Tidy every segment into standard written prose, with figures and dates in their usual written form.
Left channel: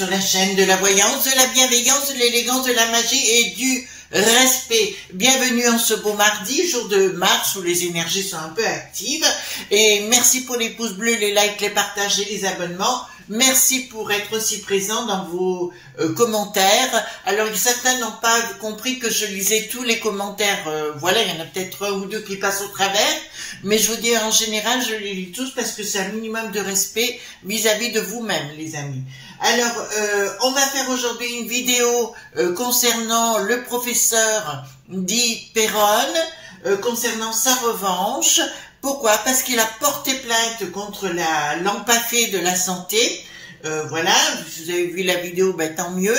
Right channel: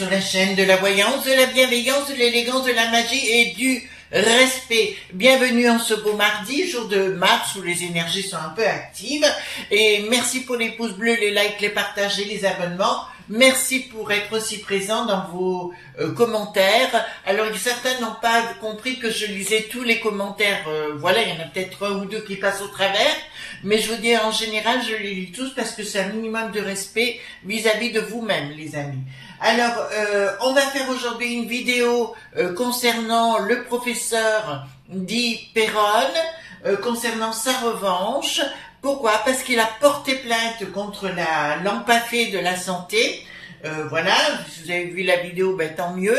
sur la chaîne de la voyance, de la bienveillance, de l'élégance, de la magie et du respect. Bienvenue en ce beau mardi, jour de mars où les énergies sont un peu actives. Et merci pour les pouces bleus, les likes, les partages et les abonnements. Merci pour être aussi présent dans vos commentaires. Alors certains n'ont pas compris que je lisais tous les commentaires. Voilà, il y en a peut-être un ou deux qui passent au travers. Mais je vous dis, en général, je les lis tous parce que c'est un minimum de respect vis-à-vis de vous-même, les amis. Alors, on va faire aujourd'hui une vidéo concernant le professeur dit Perron, concernant sa revanche. Pourquoi? Parce qu'il a porté plainte contre la l'Ampafé de la santé. Voilà, si vous avez vu la vidéo, ben, tant mieux.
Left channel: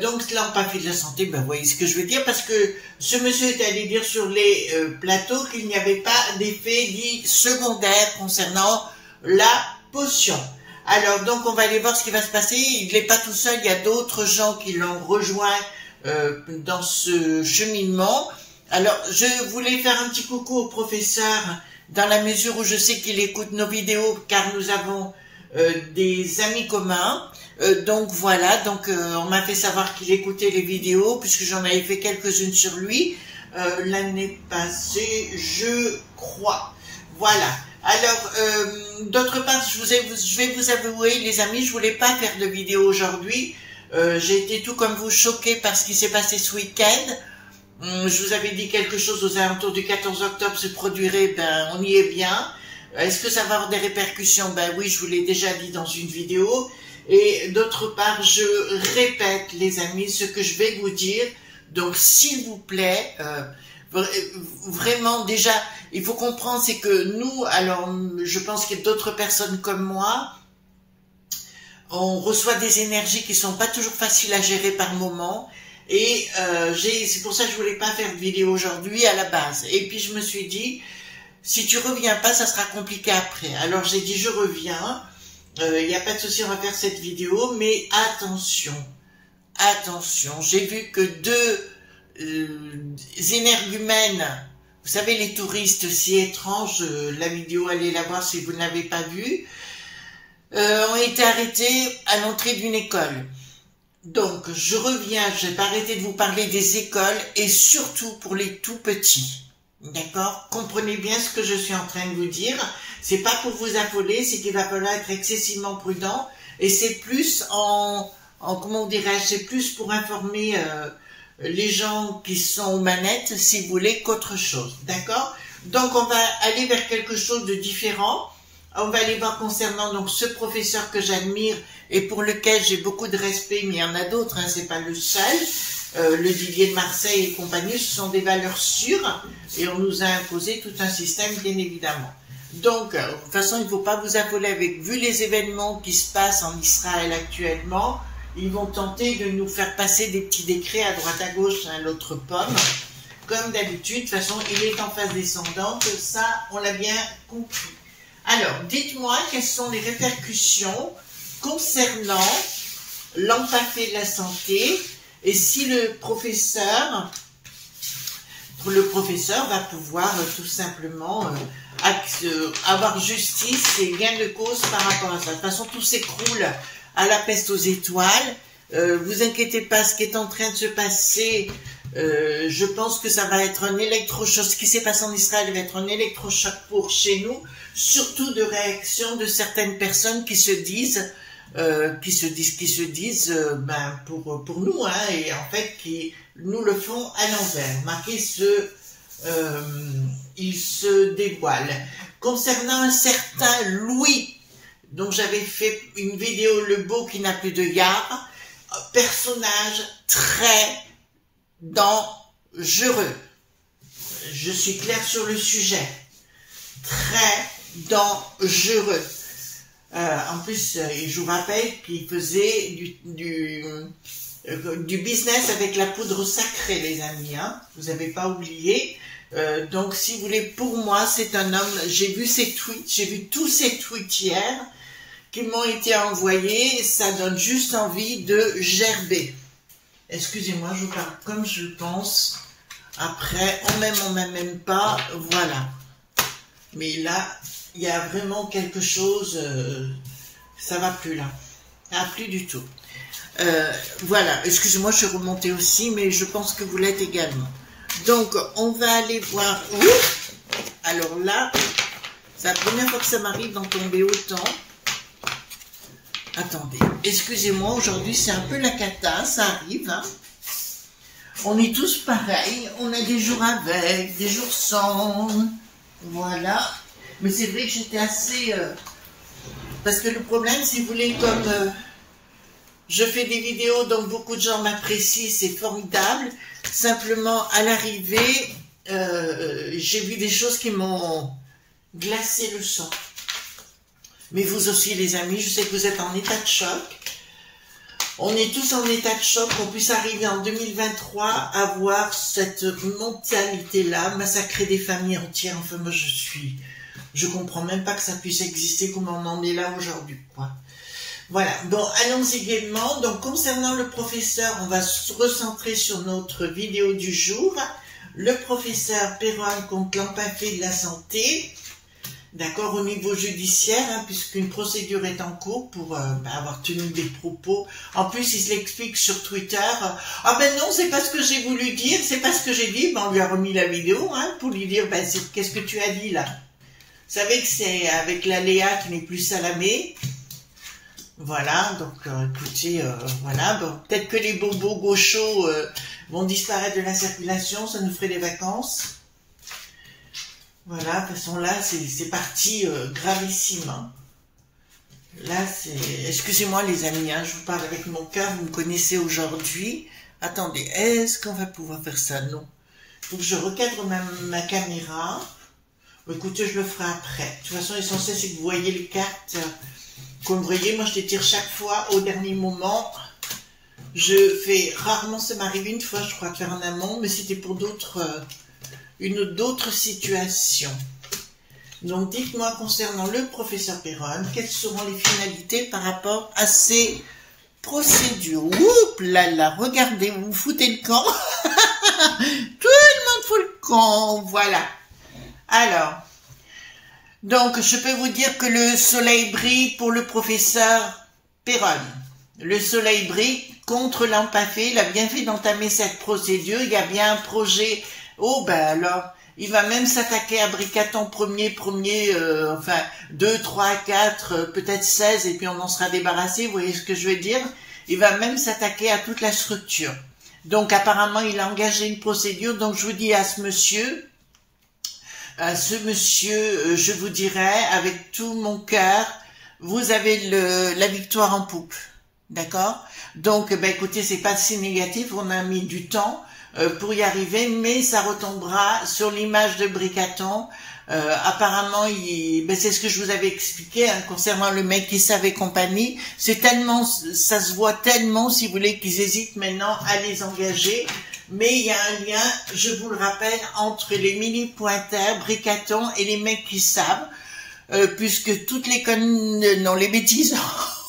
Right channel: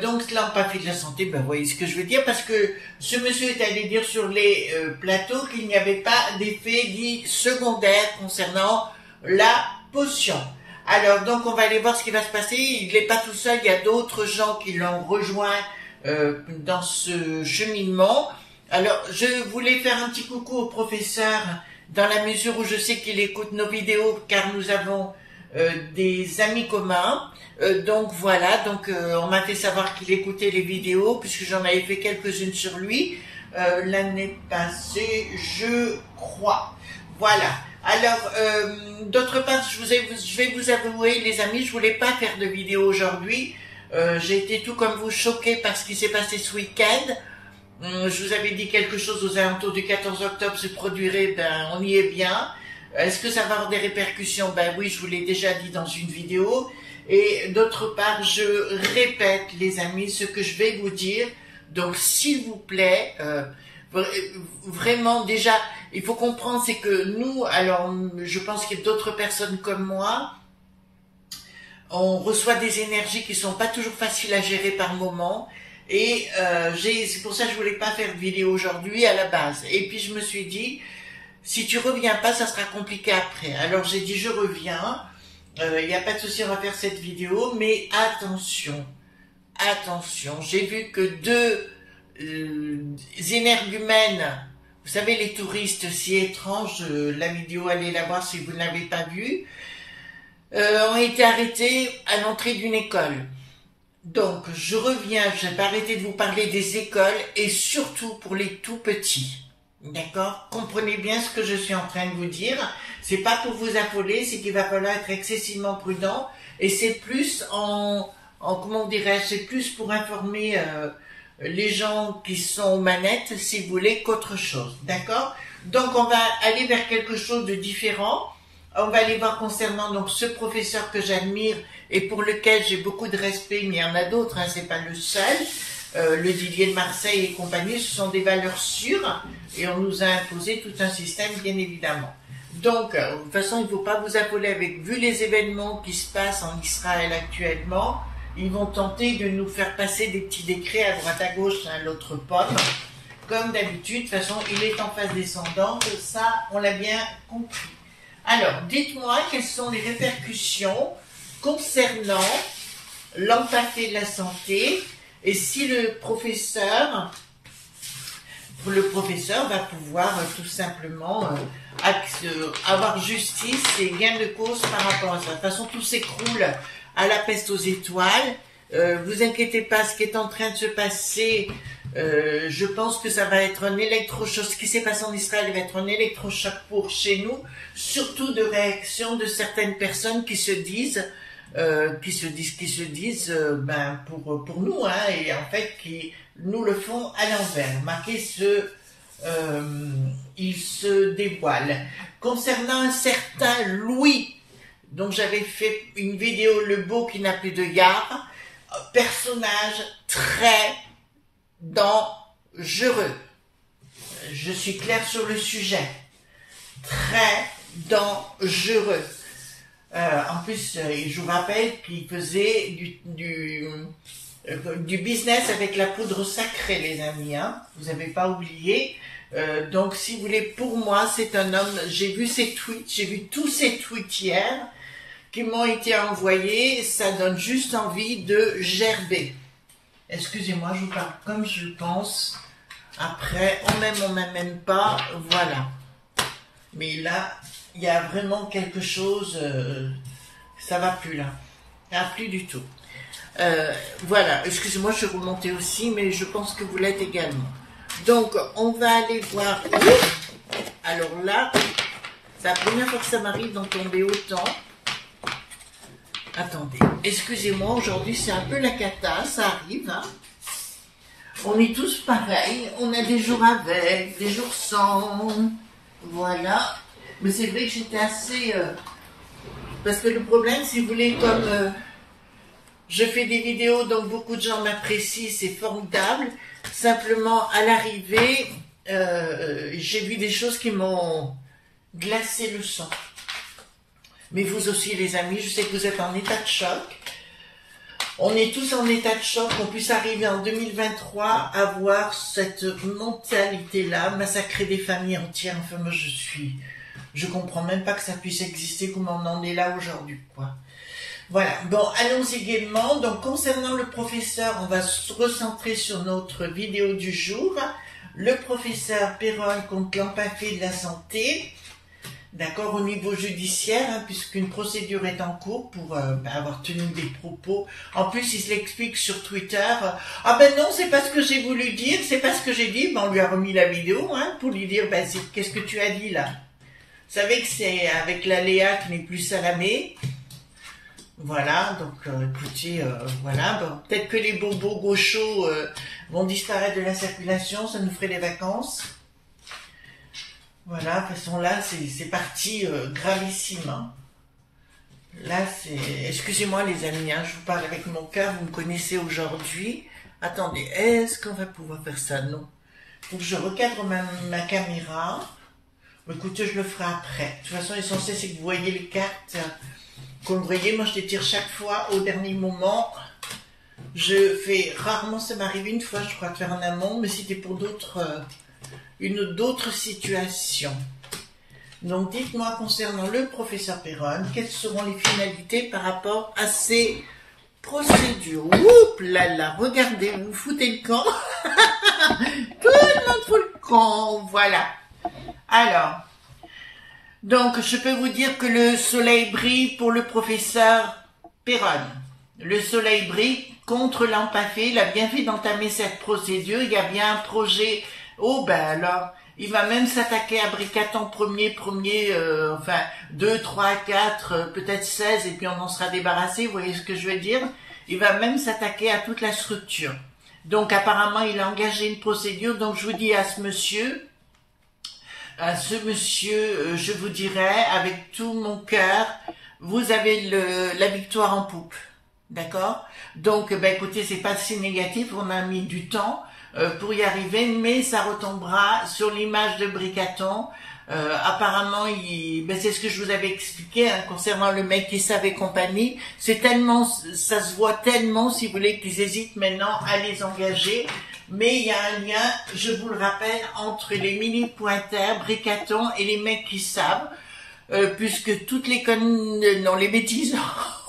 Donc l'Ampafé de la santé, ben, vous voyez ce que je veux dire, parce que ce monsieur est allé dire sur les plateaux qu'il n'y avait pas d'effet dit secondaire concernant la potion. Alors donc on va aller voir ce qui va se passer. Il n'est pas tout seul, il y a d'autres gens qui l'ont rejoint dans ce cheminement. Alors, je voulais faire un petit coucou au professeur dans la mesure où je sais qu'il écoute nos vidéos car nous avons des amis communs. Donc voilà, donc on m'a fait savoir qu'il écoutait les vidéos puisque j'en avais fait quelques-unes sur lui l'année passée, je crois. Voilà. Alors, d'autre part, je vais vous avouer, les amis, je voulais pas faire de vidéo aujourd'hui. J'ai été tout comme vous choquée par ce qui s'est passé ce week-end. Je vous avais dit quelque chose aux alentours du 14 octobre se produirait, ben on y est bien. Est-ce que ça va avoir des répercussions? Ben oui, je vous l'ai déjà dit dans une vidéo. Et d'autre part, je répète les amis ce que je vais vous dire. Donc s'il vous plaît, vraiment déjà, il faut comprendre c'est que nous, alors je pense qu'il y a d'autres personnes comme moi, on reçoit des énergies qui sont pas toujours faciles à gérer par moment. Et c'est pour ça que je voulais pas faire de vidéo aujourd'hui à la base. Et puis je me suis dit, si tu reviens pas, ça sera compliqué après. Alors j'ai dit, je reviens. Il n'y a pas de souci, on va faire cette vidéo. Mais attention, attention. J'ai vu que deux énergumènes, vous savez les touristes si étranges, la vidéo, allez la voir si vous ne l'avez pas vue, ont été arrêtés à l'entrée d'une école. Donc, je reviens, je vais pas arrêter de vous parler des écoles et surtout pour les tout petits. D'accord? Comprenez bien ce que je suis en train de vous dire. C'est pas pour vous affoler, c'est qu'il va falloir être excessivement prudent et c'est plus comment dirais-je, c'est plus pour informer les gens qui sont aux manettes, si vous voulez, qu'autre chose. D'accord? Donc, on va aller vers quelque chose de différent. On va aller voir concernant donc ce professeur que j'admire et pour lequel j'ai beaucoup de respect, mais il y en a d'autres, hein, c'est pas le seul. Le Didier de Marseille et compagnie, ce sont des valeurs sûres et on nous a imposé tout un système, bien évidemment. Donc, de toute façon, il ne faut pas vous affoler avec, vu les événements qui se passent en Israël actuellement, ils vont tenter de nous faire passer des petits décrets à droite à gauche, à l'autre pomme. Comme d'habitude, de toute façon, il est en phase descendante, ça, on l'a bien compris. Alors, dites-moi quelles sont les répercussions concernant l'Ampafé de la santé et si le professeur va pouvoir tout simplement avoir justice et gain de cause par rapport à ça. De toute façon, tout s'écroule à la peste aux étoiles. Vous inquiétez pas, ce qui est en train de se passer, je pense que ça va être un électrochoc. Ce qui s'est passé en Israël va être un électrochoc pour chez nous, surtout de réaction de certaines personnes qui se disent, ben pour nous, hein, et en fait qui nous le font à l'envers. Marquez il se dévoile. Concernant un certain Louis, donc j'avais fait une vidéo Le Beau qui n'a plus de yard, personnage très dangereux. Je suis claire sur le sujet. Très dangereux. En plus, je vous rappelle qu'il faisait du business avec la poudre sacrée, les amis. Hein, vous n'avez pas oublié. Donc, si vous voulez, pour moi, c'est un homme. J'ai vu ses tweets, j'ai vu tous ses tweets hier qui m'ont été envoyés. Ça donne juste envie de gerber. Excusez-moi, je vous parle comme je pense. Après, on m'aime pas. Voilà. Mais là, il y a vraiment quelque chose, ça va plus là. Ah, plus du tout. Voilà, excusez-moi, je suis remontée aussi, mais je pense que vous l'êtes également. Donc, on va aller voir. Alors là, c'est la première fois que ça m'arrive d'en tomber autant. Attendez, excusez-moi, aujourd'hui c'est un peu la cata, ça arrive. Hein. On est tous pareils, on a des jours avec, des jours sans. Voilà. Mais c'est vrai que j'étais assez... Parce que le problème, si vous voulez, comme je fais des vidéos, donc beaucoup de gens m'apprécient, c'est formidable. Simplement, à l'arrivée, j'ai vu des choses qui m'ont glacé le sang. Mais vous aussi, les amis, je sais que vous êtes en état de choc. On est tous en état de choc, qu'on puisse arriver en 2023 à voir cette mentalité-là, massacrer des familles entières. Enfin, moi, je comprends même pas que ça puisse exister comme on en est là aujourd'hui, quoi. Voilà, bon, allons-y gaiement. Donc, concernant le professeur, on va se recentrer sur notre vidéo du jour. Le professeur Perron contre l'empathie de la santé. D'accord, au niveau judiciaire, hein, puisqu'une procédure est en cours pour avoir tenu des propos. En plus, il se l'explique sur Twitter. Ah ben non, c'est pas ce que j'ai voulu dire, c'est pas ce que j'ai dit. Ben, on lui a remis la vidéo hein, pour lui dire, ben, qu'est-ce que tu as dit là? Vous savez que c'est avec la Léa qui n'est plus Salamé. Voilà, donc écoutez, voilà. Bon, peut-être que les bobos gauchos vont disparaître de la circulation, ça nous ferait des vacances. Voilà, de toute façon là, c'est parti gravissime. Hein. Là, c'est... Excusez-moi les amis, hein, je vous parle avec mon cœur, vous me connaissez aujourd'hui. Attendez, est-ce qu'on va pouvoir faire ça? Non. Il faut que je recadre ma caméra. Écoutez, je le ferai après. De toute façon, l'essentiel, c'est que vous voyez les cartes. Comme vous voyez, moi, je les tire chaque fois au dernier moment. Je fais rarement, ça m'arrive une fois, je crois, de faire en amont, mais c'était pour d'autres... d'autres situations. Donc, dites-moi concernant le professeur Perron, quelles seront les finalités par rapport à ces procédures? Oups là là, regardez, vous foutez le camp. Tout le monde fout le camp, voilà. Alors, donc, je peux vous dire que le soleil brille pour le professeur Perron. Le soleil brille contre l'empathie. Il a bien fait d'entamer cette procédure. Il y a bien un projet... Oh ben alors, il va même s'attaquer à Bricaton enfin 2, 3, 4, peut-être 16 et puis on en sera débarrassé, vous voyez ce que je veux dire? Il va même s'attaquer à toute la structure. Donc apparemment il a engagé une procédure, donc je vous dis à ce monsieur, je vous dirais avec tout mon cœur, vous avez la victoire en poupe, d'accord? Donc ben écoutez, c'est pas si négatif, on a mis du temps, pour y arriver, mais ça retombera sur l'image de Bricaton. Apparemment, ben c'est ce que je vous avais expliqué hein, concernant le mec qui savait compagnie. C'est tellement, ça se voit tellement, si vous voulez, qu'ils hésitent maintenant à les engager. Mais il y a un lien, je vous le rappelle, entre les mini-pointeurs, Bricaton et les mecs qui savent, puisque toutes les les bêtises.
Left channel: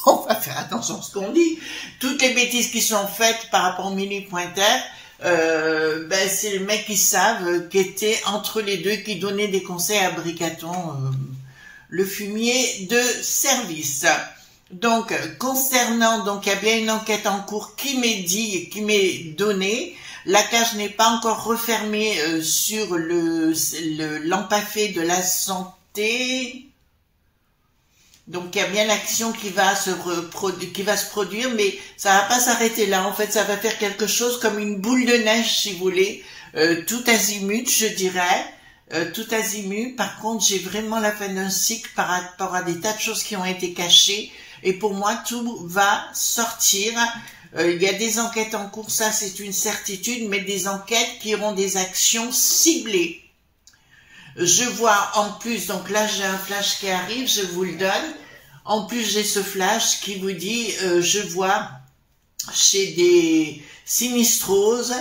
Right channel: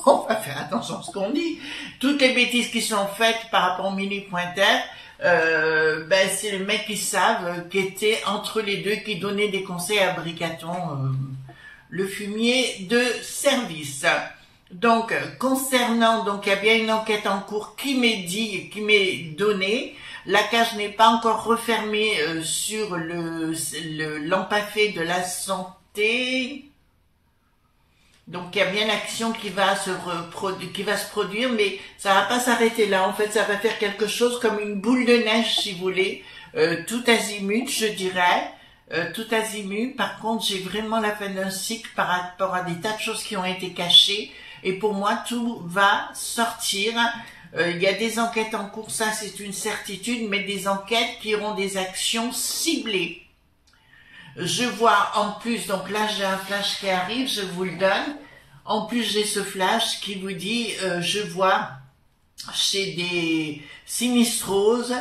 On va faire attention à ce qu'on dit. Toutes les bêtises qui sont faites par rapport aux mini-pointeurs. Ben c'est les mecs qui savent, qui étaient entre les deux, qui donnaient des conseils à Bricaton, le fumier de service. Donc, concernant, donc il y a bien une enquête en cours qui m'est donnée. La cage n'est pas encore refermée sur l'empathé de la santé. Donc il y a bien l'action qui va se produire, mais ça va pas s'arrêter là. En fait, ça va faire quelque chose comme une boule de neige, si vous voulez, tout azimut, je dirais, tout azimut. Par contre, j'ai vraiment la fin d'un cycle par rapport à des tas de choses qui ont été cachées. Et pour moi, tout va sortir. Il y a des enquêtes en cours, ça c'est une certitude, mais des enquêtes qui auront des actions ciblées. Je vois en plus, donc là j'ai un flash qui arrive, je vous le donne. En plus j'ai ce flash qui vous dit, je vois chez des sinistroses,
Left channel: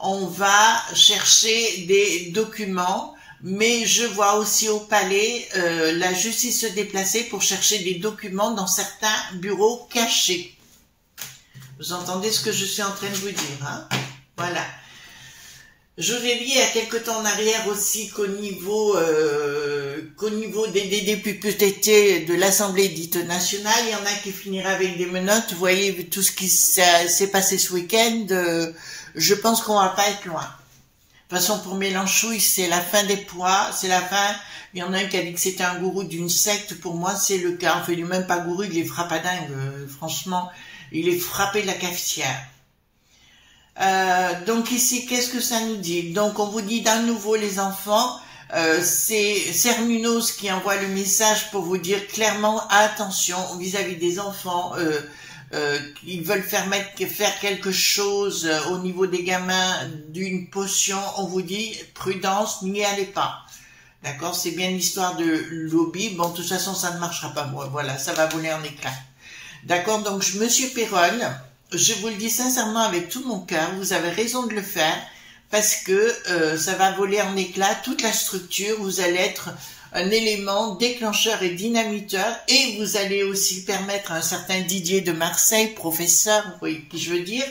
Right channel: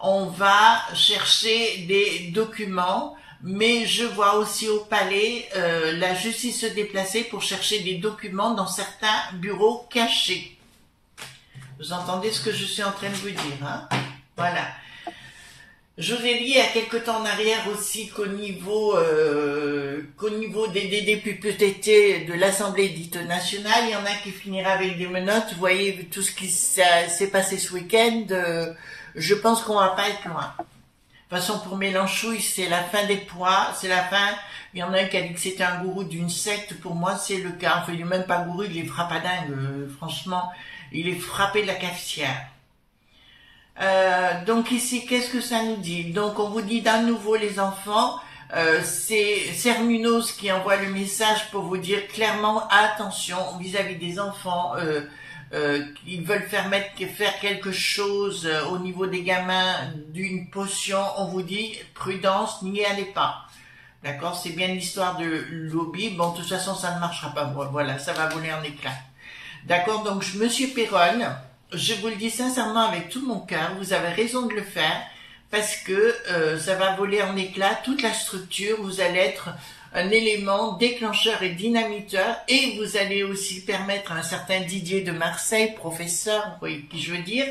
on va chercher des documents, mais je vois aussi au palais la justice se déplacer pour chercher des documents dans certains bureaux cachés. Vous entendez ce que je suis en train de vous dire, hein? Voilà. Je vous ai dit il y a quelque temps en arrière aussi qu'au niveau des députés de l'Assemblée dite nationale, il y en a qui finiraient avec des menottes. Vous voyez tout ce qui s'est passé ce week-end, je pense qu'on va pas être loin. De toute façon, pour Mélenchouille, c'est la fin des poids, c'est la fin. Il y en a un qui a dit que c'était un gourou d'une secte. Pour moi, c'est le cas. Enfin, il n'est même pas gourou, il est frappadingue. Franchement, il est frappé de la cafetière. Donc ici, qu'est-ce que ça nous dit? Donc on vous dit d'un nouveau les enfants, c'est Cernunnos qui envoie le message pour vous dire clairement attention vis-à-vis des enfants, ils veulent faire quelque chose au niveau des gamins d'une potion, on vous dit prudence, n'y allez pas. D'accord? C'est bien l'histoire de lobby, bon de toute façon ça ne marchera pas, voilà, ça va voler en éclats. D'accord? Donc Monsieur Perron, je vous le dis sincèrement avec tout mon cœur, vous avez raison de le faire parce que ça va voler en éclats toute la structure, vous allez être un élément déclencheur et dynamiteur et vous allez aussi permettre à un certain Didier de Marseille, professeur, vous voyez qui je veux dire,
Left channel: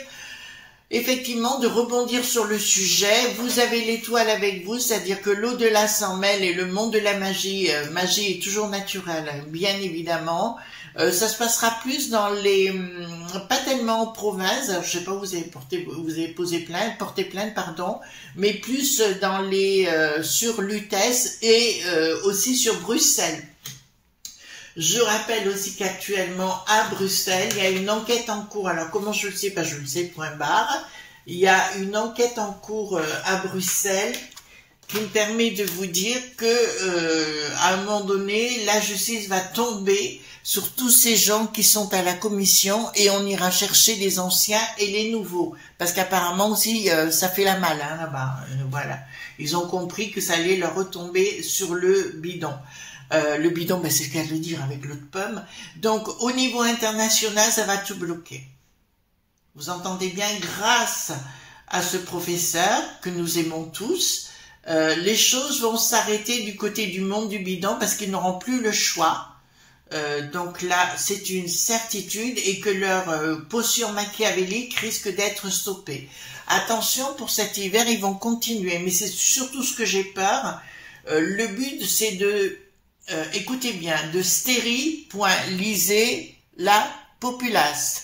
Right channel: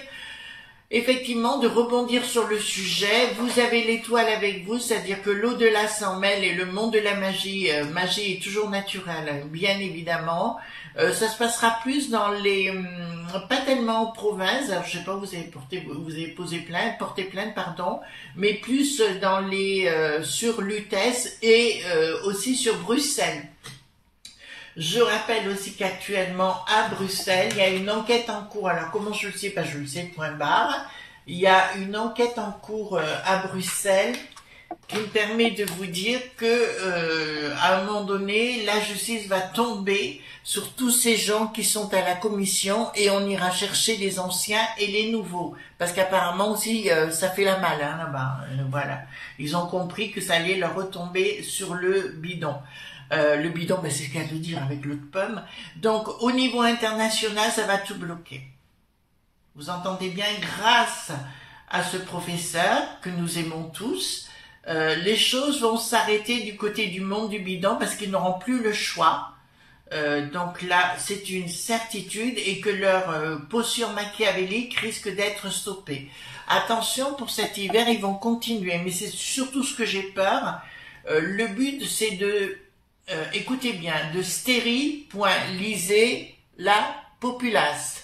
effectivement de rebondir sur le sujet. Vous avez l'étoile avec vous, c'est-à-dire que l'au-delà s'en mêle et le monde de la magie, magie est toujours naturelle, bien évidemment. Ça se passera plus dans les, pas tellement en province, alors, je sais pas, vous avez porté plainte, pardon, mais plus dans les, sur Lutèce et aussi sur Bruxelles. Je rappelle aussi qu'actuellement, à Bruxelles, il y a une enquête en cours. Alors, comment je le sais? Pas je le sais, point barre. Il y a une enquête en cours à Bruxelles qui me permet de vous dire que, à un moment donné, la justice va tomber sur tous ces gens qui sont à la commission et on ira chercher les anciens et les nouveaux. Parce qu'apparemment aussi, ça fait la malle, hein, là-bas. Voilà. Ils ont compris que ça allait leur retomber sur le bidon. Le bidon, ben, c'est ce qu'elle veut dire avec l'eau de pomme. Donc, au niveau international, ça va tout bloquer. Vous entendez bien, grâce à ce professeur que nous aimons tous, les choses vont s'arrêter du côté du monde du bidon parce qu'ils n'auront plus le choix. Donc là, c'est une certitude et que leur potion machiavélique risque d'être stoppée. Attention, pour cet hiver, ils vont continuer, mais c'est surtout ce que j'ai peur. Le but, c'est de, écoutez bien, de stériliser la populace.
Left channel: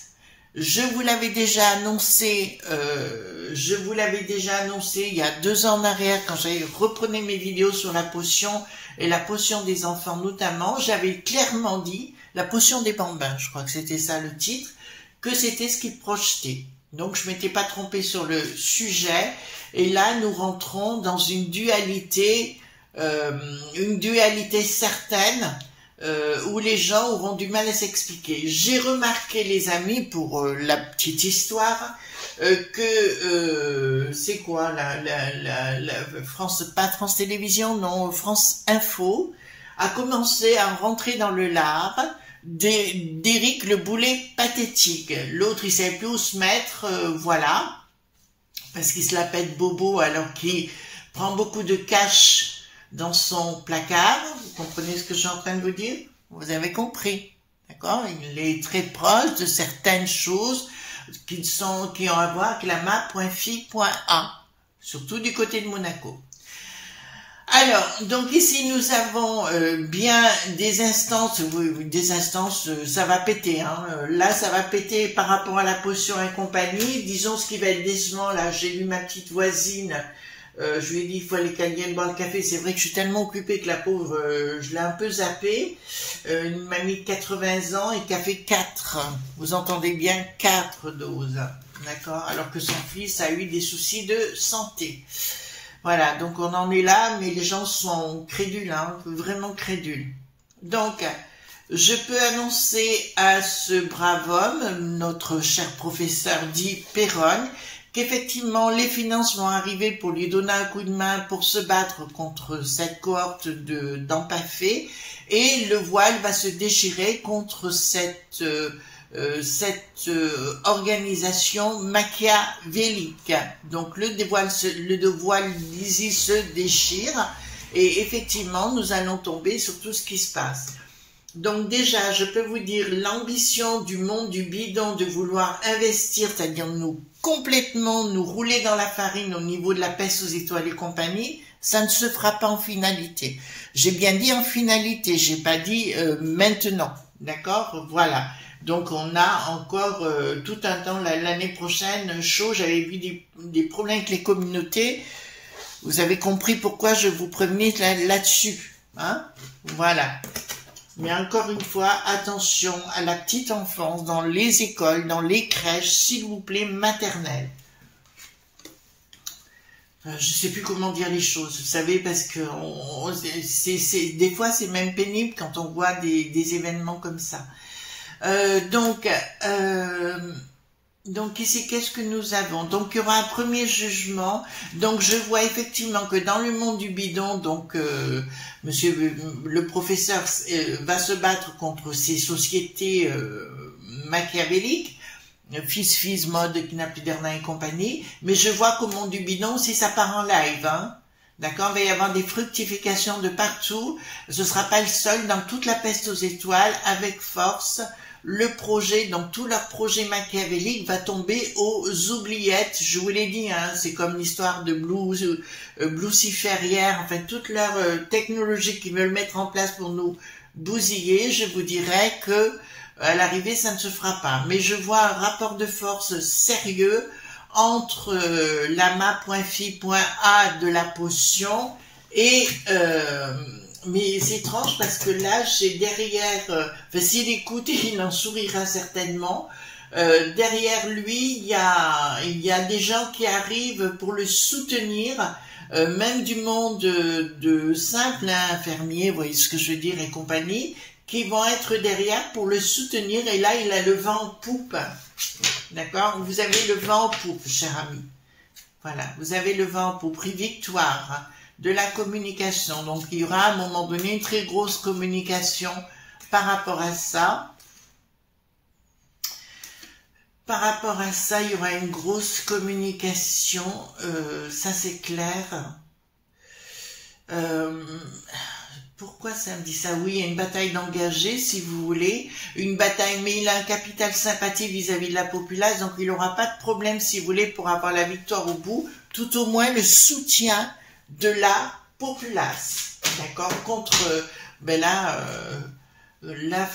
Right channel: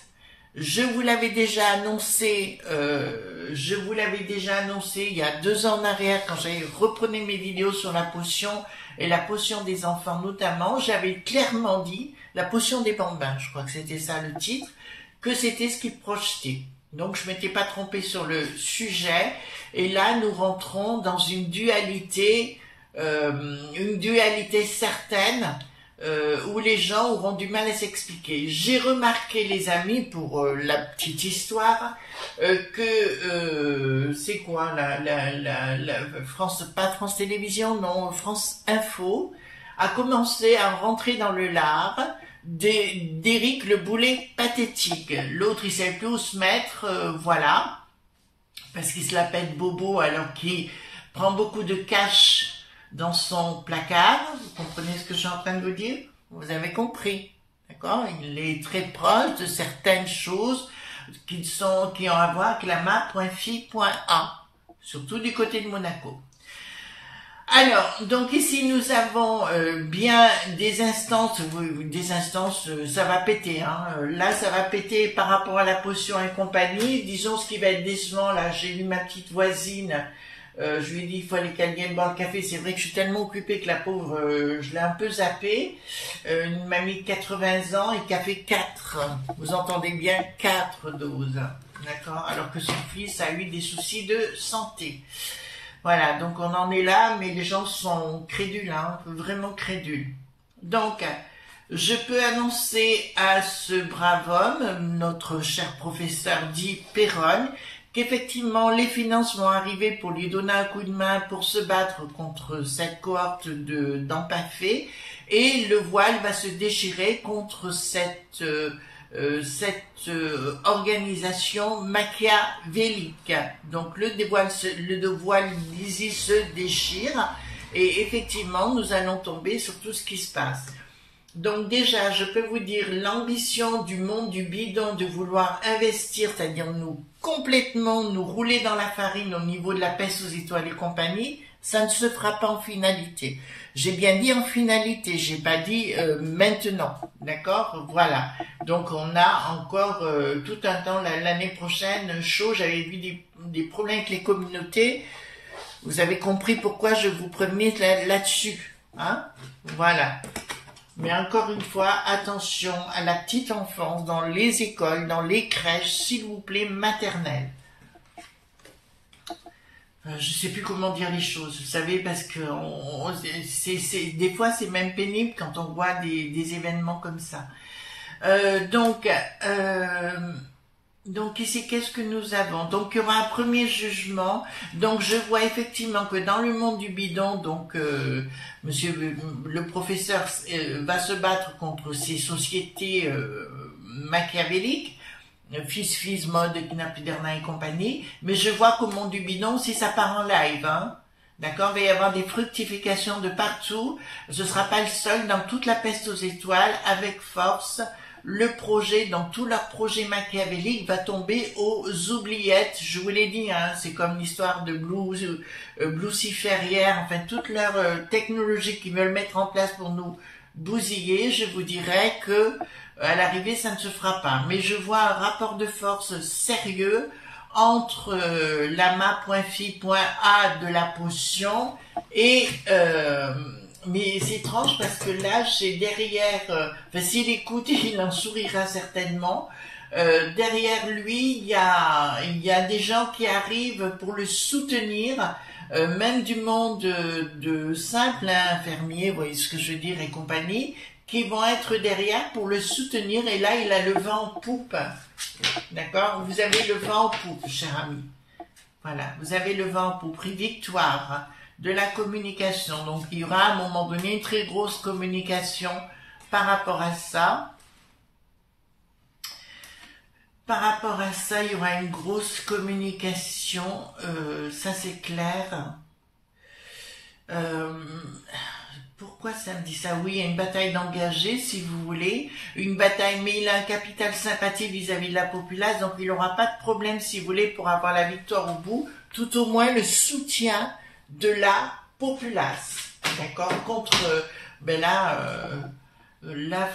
Je vous l'avais déjà annoncé, il y a 2 ans en arrière quand j'avais reprenais mes vidéos sur la potion et la potion des enfants notamment. J'avais clairement dit, la potion des bambins, je crois que c'était ça le titre, que c'était ce qu'ils projetaient. Donc je m'étais pas trompée sur le sujet. Et là, nous rentrons dans une dualité certaine, où les gens auront du mal à s'expliquer. J'ai remarqué, les amis, pour la petite histoire, que c'est quoi la France, pas France Télévisions, non, France Info, a commencé à rentrer dans le lard d'Éric le Boulet pathétique. L'autre, il sait plus où se mettre, voilà, parce qu'il se la pète bobo alors qu'il prend beaucoup de cash dans son placard. Vous comprenez ce que je suis en train de vous dire? Vous avez compris, d'accord? Il est très proche de certaines choses qui ont à voir avec la map.fi.a, surtout du côté de Monaco. Alors, donc ici nous avons bien des instances, ça va péter, hein. Là ça va péter par rapport à la potion et compagnie. Disons ce qui va être décevant, là j'ai vu ma petite voisine, je lui ai dit il faut aller qu'elle vienne boire le café. C'est vrai que je suis tellement occupée que la pauvre, je l'ai un peu zappée. Une mamie de 80 ans et qui a fait 4, vous entendez bien, 4 doses, d'accord, alors que son fils a eu des soucis de santé. Voilà, donc on en est là, mais les gens sont crédules, hein, vraiment crédules. Donc, je peux annoncer à ce brave homme, notre cher professeur dit Perron, qu'effectivement les finances vont arriver pour lui donner un coup de main pour se battre contre cette cohorte d'empaffés, et le voile va se déchirer contre cette organisation machiavélique. Donc le voile d'Isis se déchire et effectivement nous allons tomber sur tout ce qui se passe. Donc déjà, je peux vous dire, l'ambition du monde du bidon de vouloir investir, c'est-à-dire nous complètement nous rouler dans la farine au niveau de la peste aux étoiles et compagnie, ça ne se fera pas en finalité. J'ai bien dit en finalité, j'ai pas dit maintenant, d'accord? Voilà. Donc on a encore tout un temps l'année prochaine chaud. J'avais vu des problèmes avec les communautés. Vous avez compris pourquoi je vous prévenais là-dessus, hein? Voilà. Mais encore une fois, attention à la petite enfance dans les écoles, dans les crèches, s'il vous plaît, maternelles. Je ne sais plus comment dire les choses, vous savez, parce que des fois c'est même pénible quand on voit des événements comme ça. Donc ici, qu'est-ce que nous avons? Donc il y aura un premier jugement. Donc je vois effectivement que dans le monde du bidon, donc monsieur le professeur va se battre contre ces sociétés machiavéliques, Fils, Mode, Knapiderna et compagnie, mais je vois qu'au monde du bidon, si ça part en live, hein, d'accord, il va y avoir des fructifications de partout, ce ne sera pas le seul, dans toute la peste aux étoiles, avec force, le projet, dans tout leur projet machiavélique, va tomber aux oubliettes, je vous l'ai dit, hein, c'est comme l'histoire de Luciférière, enfin, toute leur technologie qu'ils veulent mettre en place pour nous bousiller, je vous dirais que à l'arrivée, ça ne se fera pas. Mais je vois un rapport de force sérieux entre lama.fi.a de la potion et... mais c'est étrange parce que là, j'ai derrière... enfin, s'il écoute, il en sourira certainement. Derrière lui, il y a des gens qui arrivent pour le soutenir, même du monde de simples infirmiers, vous voyez ce que je veux dire, et compagnie, qui vont être derrière pour le soutenir, et là, il a le vent en poupe. D'accord? Vous avez le vent en poupe, cher ami. Voilà, vous avez le vent en poupe, prix victoire, hein, de la communication. Donc, il y aura à un moment donné une très grosse communication par rapport à ça. Par rapport à ça, il y aura une grosse communication, ça c'est clair. Pourquoi ça me dit ça? Oui, il y a une bataille d'engagés, si vous voulez, une bataille, mais il a un capital sympathie vis-à-vis de la populace, donc il n'aura pas de problème, si vous voulez, pour avoir la victoire au bout, tout au moins le soutien de la populace, d'accord, contre, ben là,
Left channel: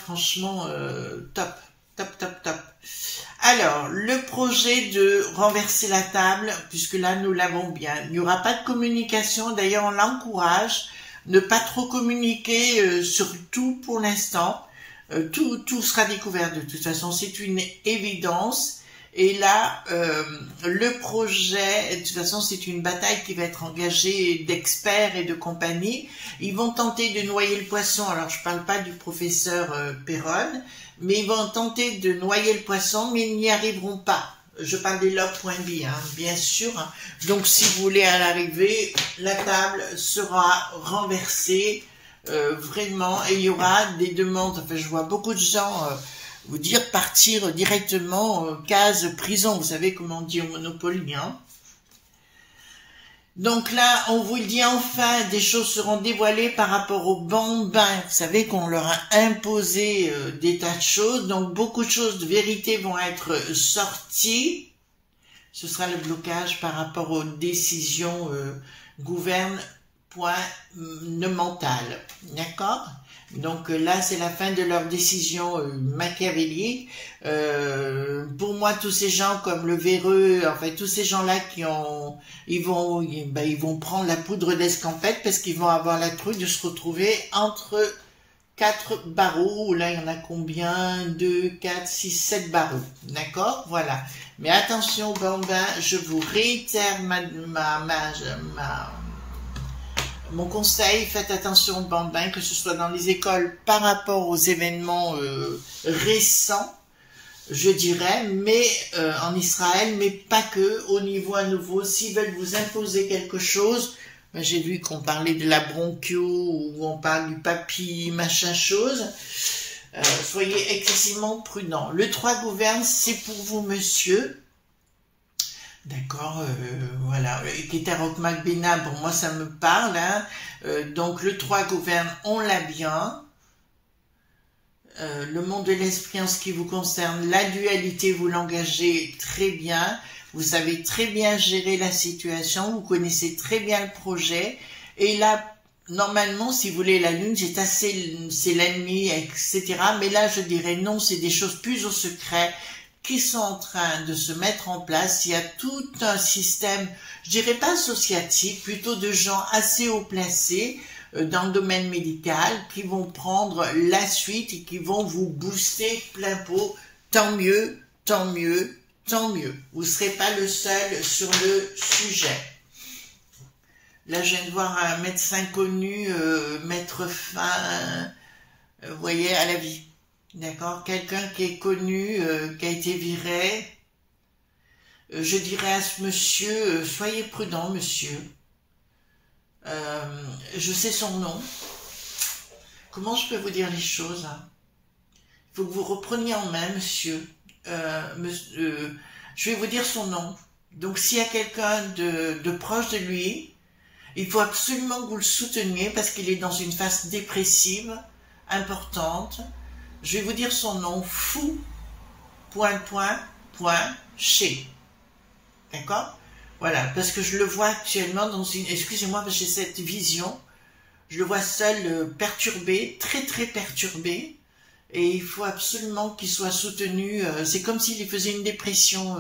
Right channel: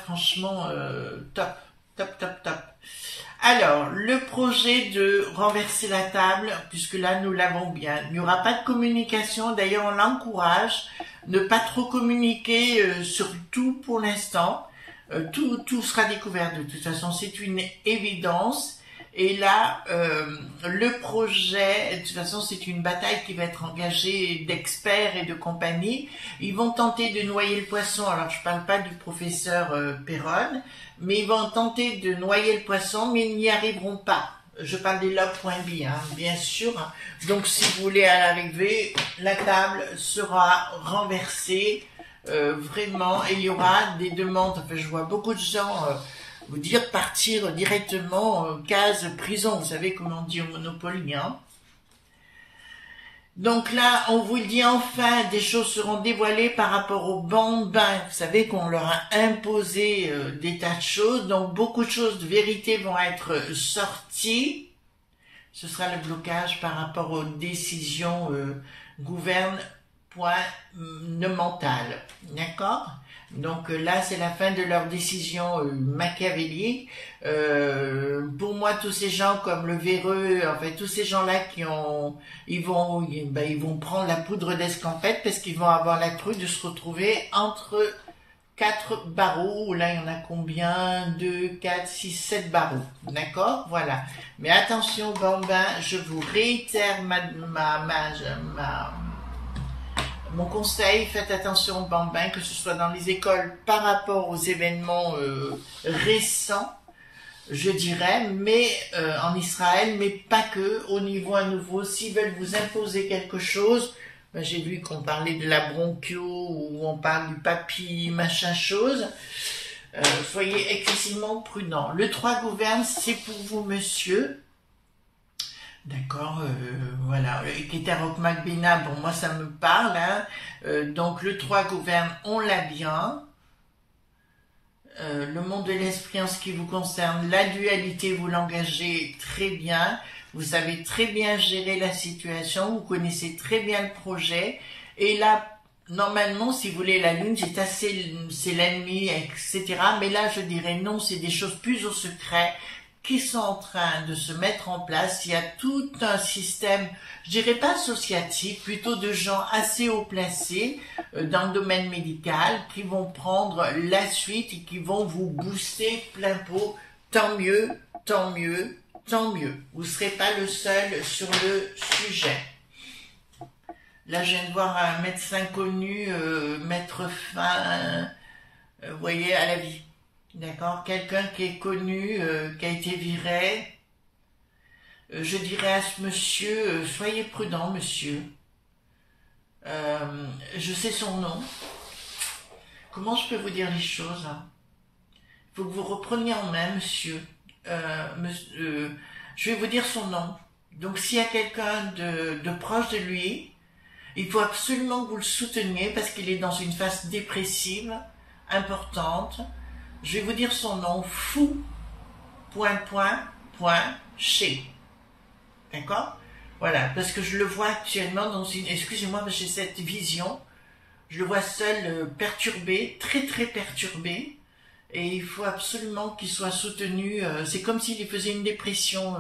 franchement, top. Alors, le projet de renverser la table, puisque là, nous l'avons bien, il n'y aura pas de communication, d'ailleurs, on l'encourage, ne pas trop communiquer sur tout pour l'instant, tout sera découvert de toute façon, c'est une évidence. Et là, le projet, de toute façon, c'est une bataille qui va être engagée d'experts et de compagnie. Ils vont tenter de noyer le poisson. Alors, je ne parle pas du professeur Perron, mais ils vont tenter de noyer le poisson, mais ils n'y arriveront pas. Je parle des log.b, hein, bien sûr. Donc, si vous voulez à l'arrivée, la table sera renversée, vraiment, et il y aura des demandes. Enfin, je vois beaucoup de gens... vous dire partir directement case prison, vous savez comment on dit au Monopoly, hein. Donc là, on vous le dit enfin, des choses seront dévoilées par rapport aux bambins. Vous savez qu'on leur a imposé des tas de choses, donc beaucoup de choses de vérité vont être sorties. Ce sera le blocage par rapport aux décisions gouvernementales, d'accord? Donc là, c'est la fin de leur décision machiavélique. Pour moi, tous ces gens comme le Véreux, en fait, tous ces gens-là ils vont prendre la poudre d'escampette parce qu'ils vont avoir la crue de se retrouver entre 4 barreaux. Là, il y en a combien? 2, 4, 6, 7 barreaux. D'accord? Voilà. Mais attention, bambins, je vous réitère mon conseil, faites attention aux bambins, que ce soit dans les écoles par rapport aux événements récents, je dirais, mais en Israël, mais pas que, au niveau à nouveau, s'ils veulent vous imposer quelque chose, ben, j'ai vu qu'on parlait de la bronchio, ou on parle du papy, machin chose, soyez excessivement prudents. Le 3 gouverne, c'est pour vous, monsieur. D'accord, voilà, Keterok Magbena, bon, moi ça me parle, hein. Donc le 3 gouverne, on l'a bien. le monde de l'esprit en ce qui vous concerne, la dualité, vous l'engagez très bien, vous savez très bien gérer la situation, vous connaissez très bien le projet, et là, normalement, si vous voulez, la lune, c'est l'ennemi, etc. Mais là, je dirais non, c'est des choses plus au secret qui sont en train de se mettre en place. Il y a tout un système, je dirais pas associatif, plutôt de gens assez haut placés dans le domaine médical qui vont prendre la suite et qui vont vous booster plein pot. Tant mieux, tant mieux, tant mieux. Vous ne serez pas le seul sur le sujet. Là, je viens de voir un médecin connu mettre fin, vous voyez, à la vie. D'accord? Quelqu'un qui est connu, qui a été viré. Je dirais à ce monsieur, soyez prudent, monsieur. Je sais son nom. Comment je peux vous dire les choses, hein? Il faut que vous repreniez en main, monsieur. Je vais vous dire son nom. Donc, s'il y a quelqu'un de proche de lui, il faut absolument que vous le souteniez parce qu'il est dans une phase dépressive importante. Je vais vous dire son nom, fou, ... chez. D'accord? Voilà, parce que je le vois actuellement dans une... Excusez-moi, parce que j'ai cette vision. Je le vois seul, perturbé, très très perturbé. Et il faut absolument qu'il soit soutenu. C'est comme s'il faisait une dépression,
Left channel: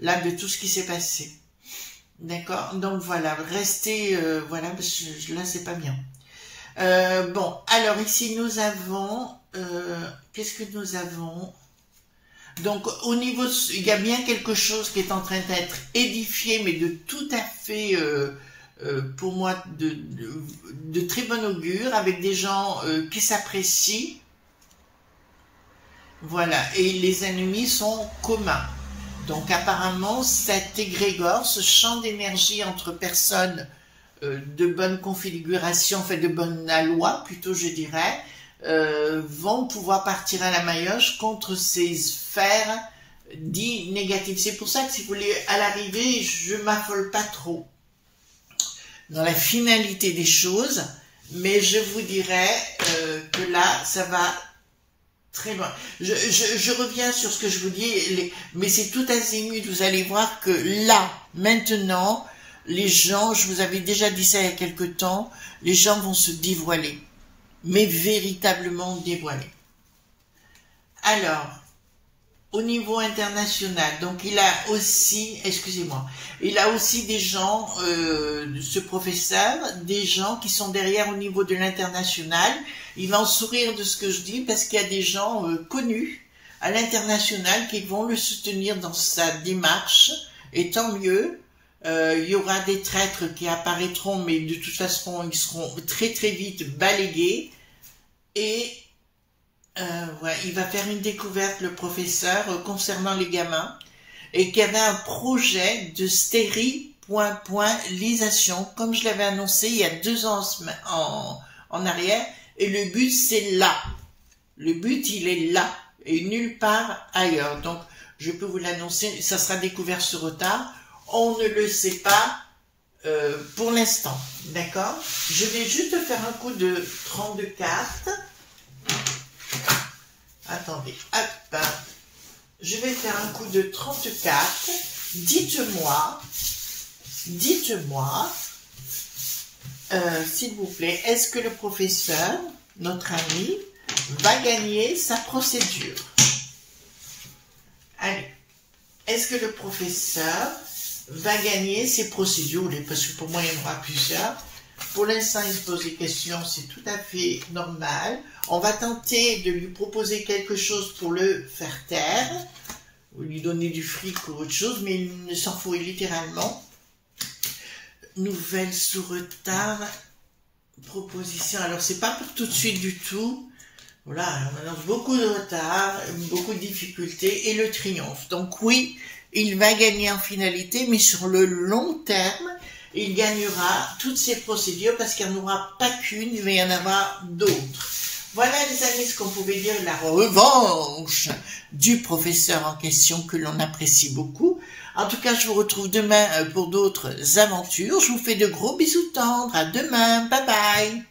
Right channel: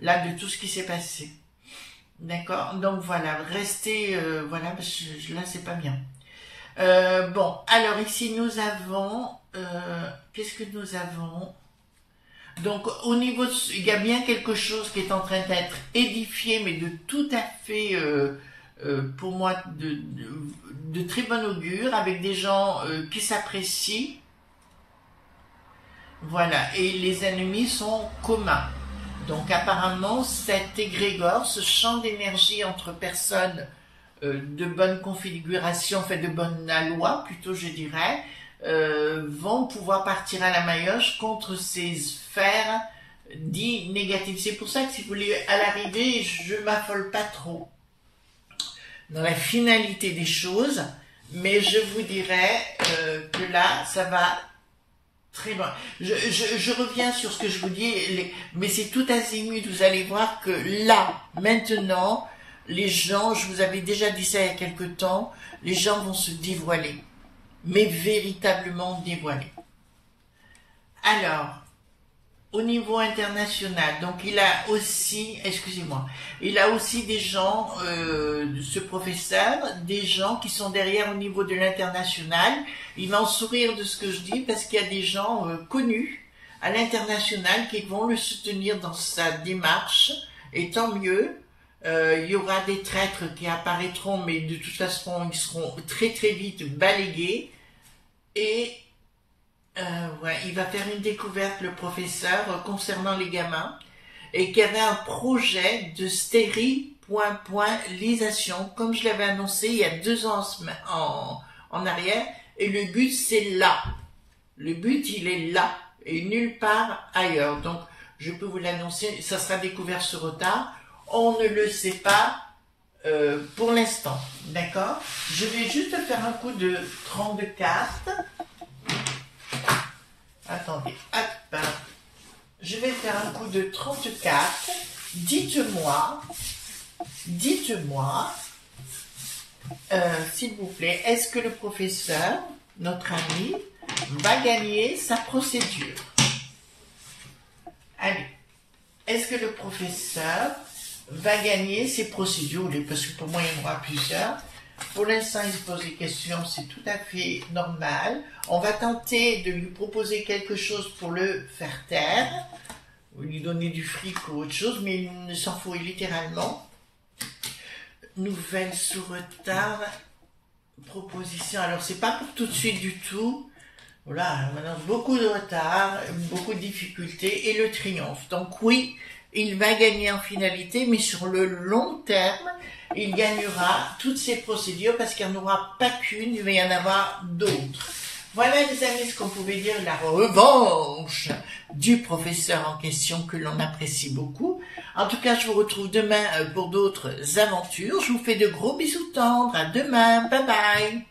là, de tout ce qui s'est passé. D'accord? Donc voilà, restez... voilà, parce que là, c'est pas bien. Bon, alors ici, nous avons... qu'est-ce que nous avons? Donc, au niveau de, il y a bien quelque chose qui est en train d'être édifié, mais de tout à fait, pour moi, de très bon augure, avec des gens qui s'apprécient. Voilà, et les ennemis sont communs. Donc, apparemment, cet égrégore, ce champ d'énergie entre personnes de bonne configuration, enfin de bonne aloi, plutôt, je dirais, vont pouvoir partir à la maillotche contre ces sphères dites négatives. C'est pour ça que si vous voulez, à l'arrivée, je m'affole pas trop dans la finalité des choses, mais je vous dirais que là, ça va très loin. Je reviens sur ce que je vous dis, mais c'est tout azimut. Vous allez voir que là, maintenant, les gens, je vous avais déjà dit ça il y a quelque temps, les gens vont se dévoiler. Mais véritablement dévoilé. Alors, au niveau international, donc il a aussi, excusez-moi, il a aussi des gens, ce professeur, des gens qui sont derrière au niveau de l'international. Il va en sourire de ce que je dis parce qu'il y a des gens connus à l'international qui vont le soutenir dans sa démarche, et tant mieux. Il y aura des traîtres qui apparaîtront, mais de toute façon, ils seront très très vite balayés. Et ouais, il va faire une découverte, le professeur, concernant les gamins, et qu'il y avait un projet de stérilisation, comme je l'avais annoncé il y a 2 ans en arrière, et le but, c'est là. Le but, il est là, et nulle part ailleurs. Donc, je peux vous l'annoncer, ça sera découvert sur retard. On ne le sait pas pour l'instant, d'accord? Je vais juste faire un coup de 32 cartes. Attendez, hop. Je vais faire un coup de 34. Dites-moi, s'il vous plaît, est-ce que le professeur, notre ami, va gagner sa procédure? Allez, est-ce que le professeur va gagner ses procédures? Parce que pour moi, il y en aura plusieurs. Pour l'instant, il se pose des questions, c'est tout à fait normal. On va tenter de lui proposer quelque chose pour le faire taire, ou lui donner du fric ou autre chose, mais il ne s'en fout littéralement. Nouvelle sous retard, proposition. Alors, c'est pas pour tout de suite du tout. Voilà, on annonce beaucoup de retard, beaucoup de difficultés et le triomphe. Donc oui, il va gagner en finalité, mais sur le long terme, il gagnera toutes ces procédures parce qu'il n'y en aura pas qu'une, il va y en avoir d'autres. Voilà les amis ce qu'on pouvait dire de la revanche du professeur en question que l'on apprécie beaucoup. En tout cas, je vous retrouve demain pour d'autres aventures. Je vous fais de gros bisous tendres. À demain. Bye bye.